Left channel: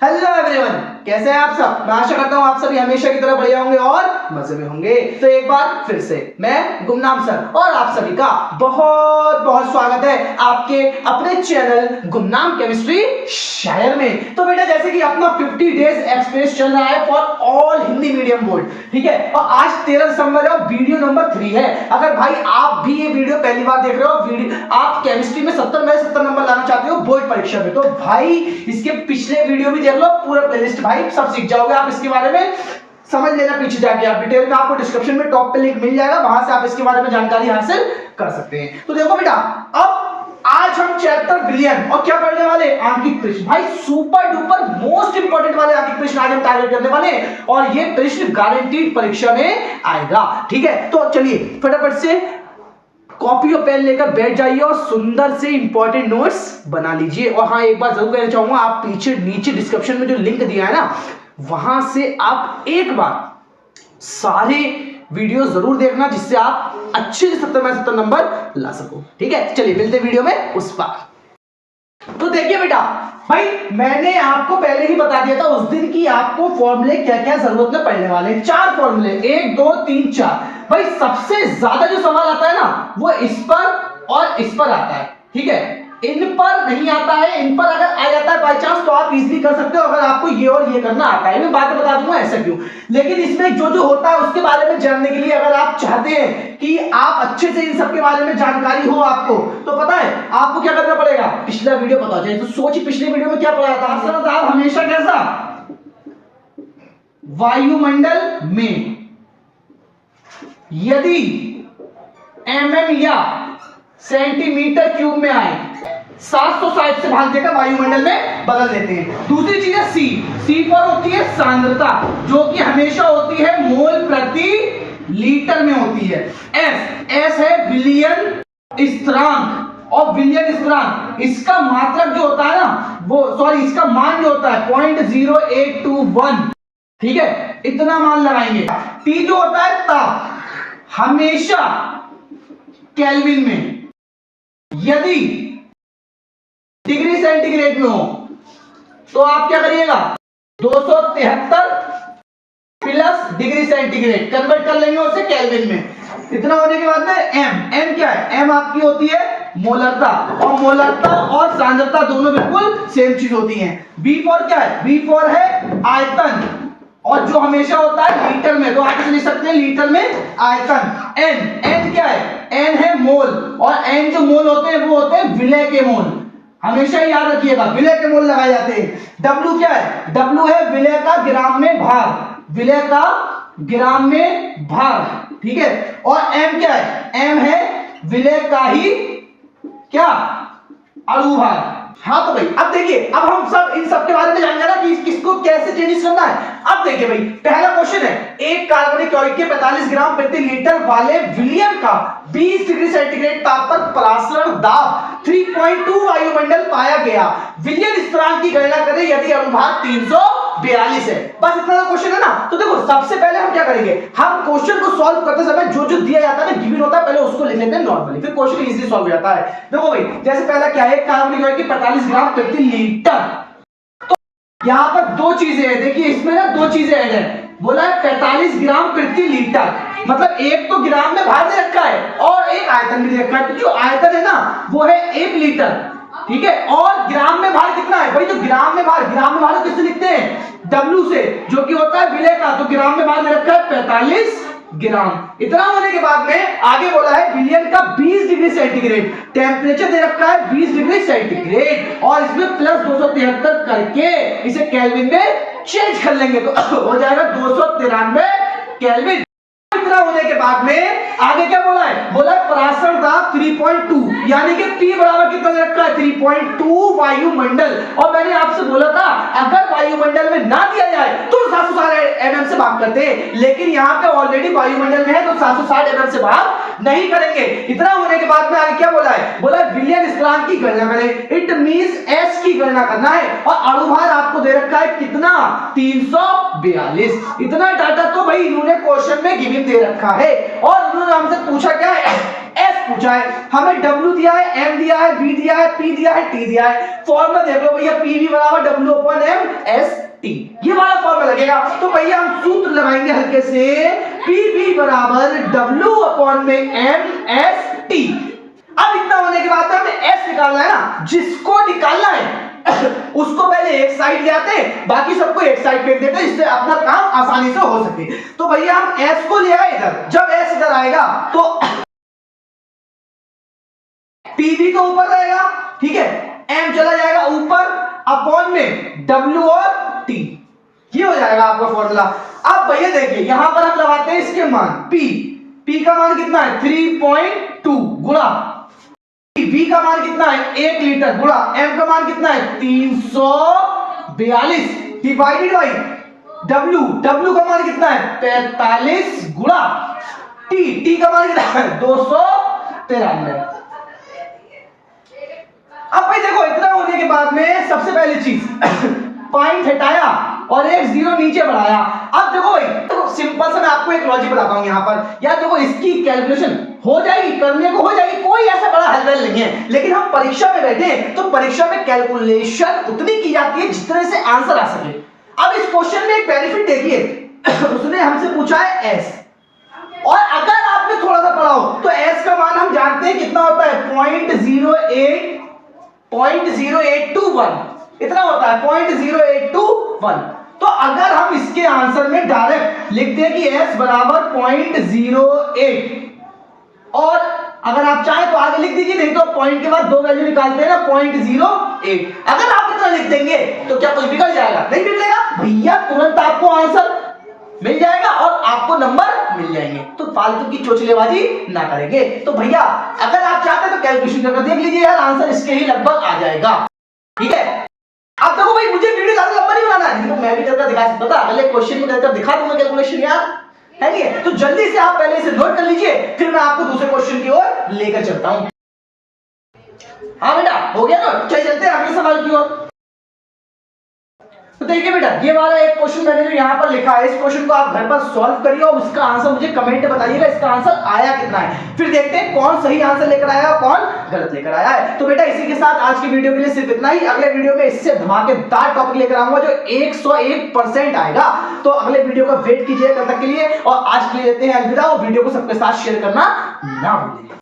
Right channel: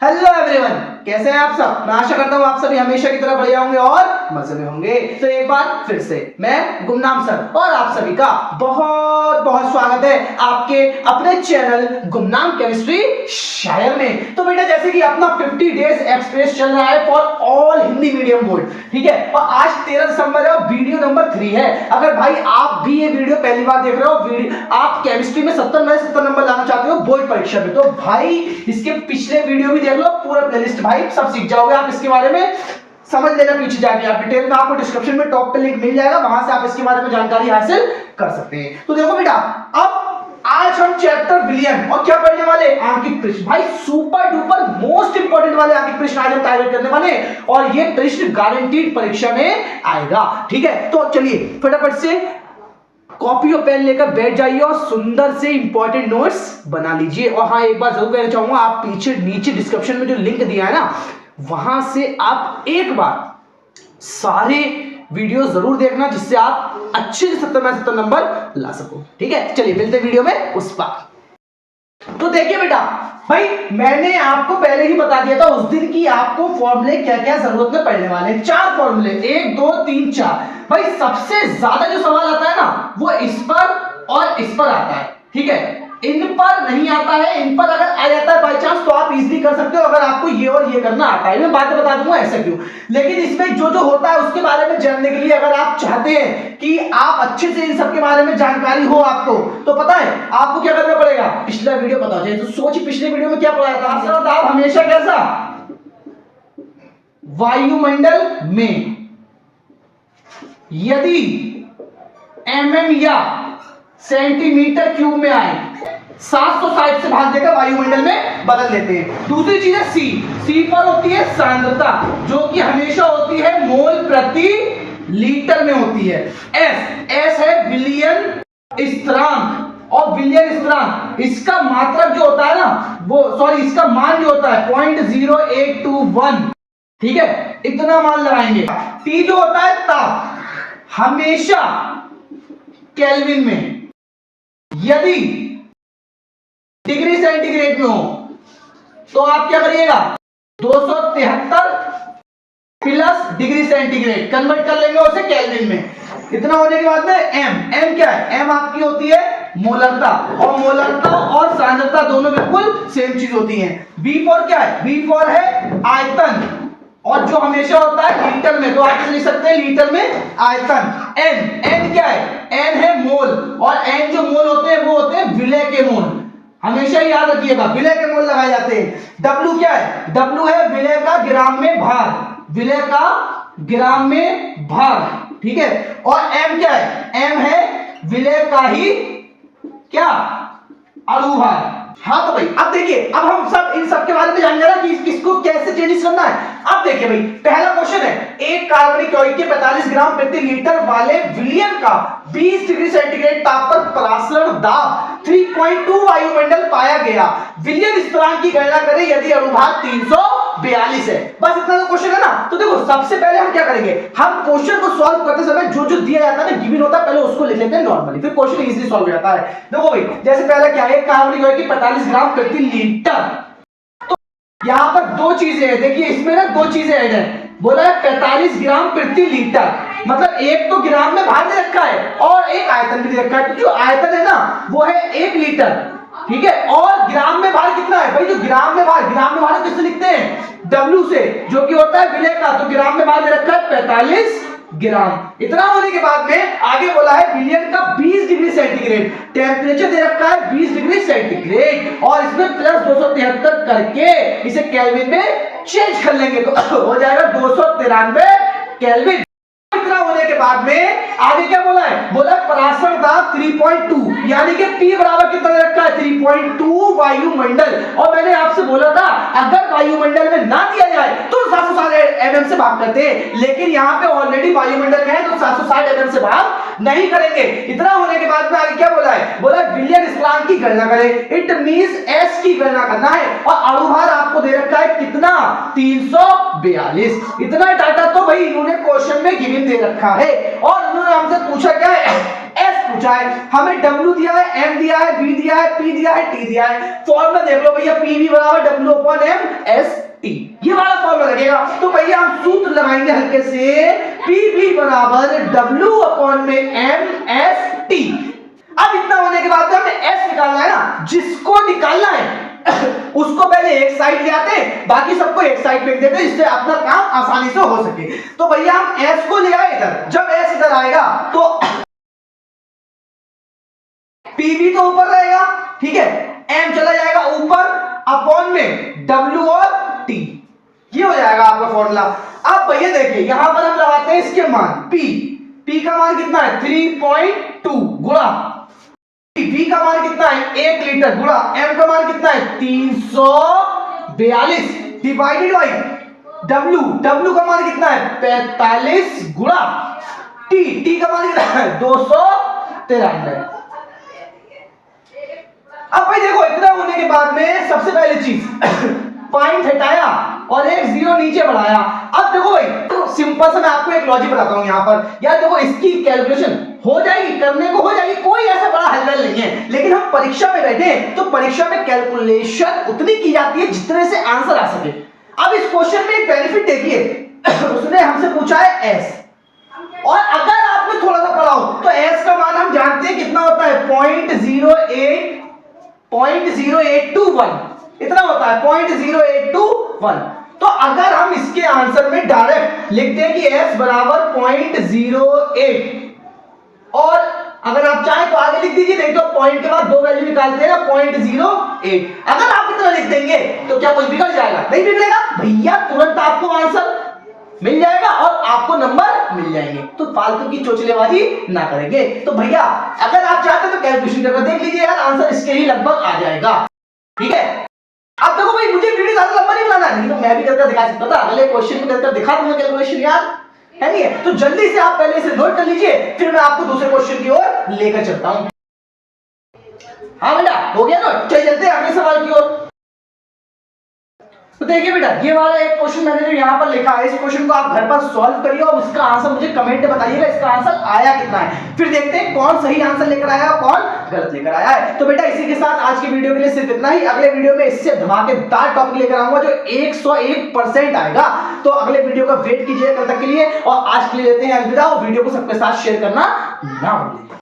Hello everyone, कैसे हैं आप सब। मैं आशा करता हूं आप सभी हमेशा की तरह बढ़िया होंगे और मजे में होंगे। तो एक बार फिर से मैं गुमनाम सर और आप सभी का बहुत बहुत स्वागत है आपके अपने चैनल गुमनाम केमिस्ट्री शायर में। तो बेटा जैसे कि अपना 50 डेज एक्सप्रेस चल रहा है for all Hindi medium board, ठीक है, और आज 13 दिसंबर है, वीडियो नंबर 3 है। अगर भाई आप भी ये वीडियो पहली बार देख रहे हो, आप केमिस्ट्री में 70 में 70 नंबर लाना चाहते हो बोर्ड परीक्षा में, तो भाई इसके पिछले वीडियो भी देख लो, पूरा प्लेलिस्ट भाई सब सीख जाओगे आप इसके बारे में। समझ लेना पीछे जाके आप डिटेल में, आपको डिस्क्रिप्शन में टॉप पे लिंक मिल जाएगा, वहां से आप इसके बारे में जानकारी हासिल कर सकते हैं। तो देखो बेटा, अब आज हम चैप्टर विलियन और क्या पढ़ने वाले, आंकिक प्रश्न। भाई सुपर डुपर मोस्ट इंपॉर्टेंट वाले आंकिक प्रश्न आज हम टारगेट करने वाले हैं और ये प्रश्न गारंटीड परीक्षा में आएगा, ठीक है। तो चलिए फटाफट से कॉपी और पेन लेकर बैठ जाइए और सुंदर से इंपॉर्टेंट नोट्स बना लीजिए। और हाँ, एक बात जरूर कहना चाहूंगा, आप पीछे नीचे डिस्क्रिप्शन में जो लिंक दिया है ना, वहां से आप एक बार सारे वीडियो जरूर देखना, जिससे आप अच्छे से 70 में 70 नंबर ला सको, ठीक है। चलिए मिलते वीडियो में उस पार। तो देखिए बेटा, भाई मैंने आपको पहले ही बता दिया था उस दिन की आपको फॉर्मूले क्या क्या जरूरत में पड़ने वाले हैं। 4 फॉर्मूले, 1 2 3 4। भाई सबसे ज्यादा जो सवाल आता है ना, वो इस पर और इस पर आता है, ठीक है। इन पर नहीं आता है, इन पर अगर आ जाता है बाय चांस तो आप इजीली कर सकते हो, अगर आपको ये और ये करना आता है। मैं बात बता दूंगा ऐसा क्यों, लेकिन इसमें जो जो होता है उसके बारे में जानने के लिए अगर आप चाहते हैं कि आप अच्छे से इन सब के बारे में जानकारी हो आपको, तो पता है आपको क्या करना पड़ेगा, पिछला वीडियो पता हो जाए। तो सोच पिछले वीडियो में क्या पढ़ाया था, असरदार हमेशा कैसा, वायुमंडल में यदि mm या सेंटीमीटर क्यूब में आए 760 से भाग देकर वायुमंडल में बदल देते हैं। दूसरी चीज है सी पर होती है सांद्रता, जो कि हमेशा होती है मोल प्रति लीटर में होती है। एस है विलियन स्थिरांक, और विलियन स्थिरांक इसका मात्रक जो होता है ना, वो इसका मान जो होता है 0.0821, ठीक है, इतना मान लगाएंगे। टी जो होता है ताप, हमेशा केल्विन में, यदि डिग्री सेंटीग्रेड में हो तो आप क्या करिएगा, 273 प्लस डिग्री सेंटीग्रेड कन्वर्ट कर लेंगे उसे केल्विन में। इतना होने के बाद में एम क्या है, एम आपकी होती है मोलरता, और मोलरता और सांद्रता दोनों बिल्कुल सेम चीज होती हैं। बी फॉर क्या है, बी फॉर है आयतन, और जो हमेशा होता है लीटर में, तो आप लिख सकते हैं लीटर में आयतन। एन क्या है, एन है मोल, और एन जो मोल होते हैं वो होते हैं विलय के मोल, हमेशा ही याद रखिएगा विलय के मोल लगाए जाते हैं। डब्ल्यू क्या है, डब्ल्यू है विलय का ग्राम में भार, विलय का ग्राम में भार, ठीक है। और एम क्या है, एम है विलय का ही क्या, अणुभार। हाँ तो भाई अब देखिए, अब हम सब इन सब के बारे में जानेंगे ना कि किसको कैसे चेंजेस करना है। अब देखिए भाई, पहला क्वेश्चन है, एक कार्बनिक यौगिक के 45 ग्राम प्रति लीटर वाले विलियन का 20 डिग्री सेंटीग्रेड ताप पर परासरण दाब 3.2 वायुमंडल पाया गया। विलियन स्थिरांक की गणना करें यदि अणुभार 342 है। बस इतना तो क्वेश्चन है ना। तो देखो सबसे पहले हम क्या करेंगे, हम क्वेश्चन को सॉल्व करते समय जो जो दिया जाता है ना, गिवन होता है, पहले उसको लिख लेते हैं नॉर्मली, फिर क्वेश्चन इजीली सॉल्व हो जाता है। देखो भाई, जैसे पहला क्या है, कार्बनिक यौगिक की 45 ग्राम प्रति लीटर, तो यहां पर दो चीजें हैं। देखिए इसमें ना दो चीजें ऐड है, बोला है 45 ग्राम प्रति लीटर, मतलब एक तो ग्राम में भार दे रखा है और एक आयतन भी दे रखा है। तो जो आयतन है ना वो है 1 लीटर, ठीक है, और ग्राम में भार कितना है भाई, जो ग्राम में भार किससे लिखते हैं, W से, जो कि होता है विलय का, तो ग्राम में भार दे रखा है 45 ग्राम। इतना होने के बाद में आगे बोला है विलियन का 20 डिग्री सेंटीग्रेड, टेम्परेचर दे रखा है 20 डिग्री सेंटीग्रेड, और इसमें प्लस 273 करके इसे केल्विन में चेंज कर लेंगे तो हो जाएगा 293 केल्विन। इतना होने के बाद में आगे क्या बोला है, बोला परासरण दाब 3.2, यानी कि P बराबर कितना दे रखा है, 3.2 वायुमंडल। और मैंने आपसे बोला था अगर वायुमंडल में ना दिया जाए तो 760 mm से भाग करते हैं, लेकिन यहाँ पे ऑलरेडी वायुमंडल में है तो 760 mm से भाग नहीं करेंगे। इतना होने के बाद में आगे क्या बोला है, बोला विलियन स्थिरांक की गणना करें, इट मींस S की गणना करना है, और अणुभार आपको दे रखा है कितना, 342। इतना डाटा तो भाई इन्होंने क्वेश्चन में गिवन दे रखा है, और उन्होंने हमसे पूछा क्या है, S पूछा है, हमें W दिया है, M दिया है, B दिया है, P दिया है, T दिया है। फॉर्मूला देख लो भैया, PV बराबर W/M S बनाएंगे हल्के से, पी बी बराबर डब्ल्यू अपॉन में एम एस टी। अब इतना होने के बाद हमें एस निकालना है ना, जिसको निकालना है उसको पहले एक साइड ले आते, बाकी सबको एक साइड फेंक देते, जिससे अपना काम आसानी से हो सके। तो भैया हम एस को ले आए इधर, जब एस इधर आएगा तो पी भी तो ऊपर रहेगा, ठीक है, एम चला जाएगा ऊपर, अपॉन में डब्ल्यू और टी, ये हो जाएगा आपका फॉर्मूला। अब भैया देखिए यहां पर हम लगाते हैं इसके मान, पी का मान कितना है 3.2 गुणा V का मान कितना है 1 लीटर गुणा M का मान कितना है 342 डिवाइडेड बाई W का मान कितना है 45 गुणा T का मान कितना है 293। अब भाई देखो इतना होने के बाद में सबसे पहली चीज पॉइंट हटाया और एक जीरो नीचे बढ़ाया। अब देखो भाई तो सिंपल से मैं आपको एक लॉजिक बताता हूं यहां पर, यार देखो इसकी कैलकुलेशन हो जाएगी, करने को हो जाएगी, कोई ऐसा बड़ा हलचल नहीं है, लेकिन हम परीक्षा में बैठे तो परीक्षा में कैलकुलेशन उतनी की जाती है जितने से आंसर आ सके। अब इस क्वेश्चन में एक बेनिफिट देखिए, उसने हमसे पूछा है एस, और अगर आपने थोड़ा सा पढ़ा हो तो एस का मान हम जानते हैं कितना होता है 0.0821, इतना होता है 0.0821। तो अगर हम इसके आंसर में डायरेक्ट लिखते हैं कि s बराबर 0.08, और अगर आप चाहें तो आगे लिख दीजिए, नहीं तो पॉइंट के बाद दो वैल्यू निकालते हैं ना 0.08। अगर आप इतना लिख देंगे तो क्या कुछ बिगड़ जाएगा? नहीं बिगड़ेगा भैया, तुरंत आपको आंसर मिल जाएगा और आपको नंबर मिल जाएंगे। तो फालतू की चोचलेबाजी ना करेंगे। तो भैया अगर आप चाहते हैं तो कैलकुलेशन करके देख लीजिए यार, आंसर इसके ही लगभग आ जाएगा, ठीक है। अब देखो भाई मुझे वीडियो ज्यादा लंबा नहीं बनाना है, तो मैं भी करके दिखा सकता था, अगले क्वेश्चन में करके दिखा दूंगा कैलकुलेशन यार, है नहीं है? तो जल्दी से आप पहले इसे नोट कर लीजिए, फिर मैं आपको दूसरे क्वेश्चन की ओर लेकर चलता हूं। हाँ बेटा हो गया ना, चलिए चलते हैं अगले सवाल की ओर। तो देखिए बेटा ये वाला एक क्वेश्चन मैंने जो यहाँ पर लिखा है, इस क्वेश्चन को आप घर पर सॉल्व करिए और इसका आंसर मुझे कमेंट में बताइएगा, इसका आंसर आया कितना है। फिर देखते हैं कौन सही आंसर लेकर आया और कौन गलत लेकर आया है। तो बेटा इसी के साथ आज की वीडियो के लिए सिर्फ इतना ही। अगले वीडियो में इससे धमाकेदार टॉपिक लेकर आऊंगा जो 101% आएगा। तो अगले वीडियो का वेट कीजिए कल तक के लिए, और आज के लिए देते हैं अलविदा, और वीडियो को सबके साथ शेयर करना ना भूलिए।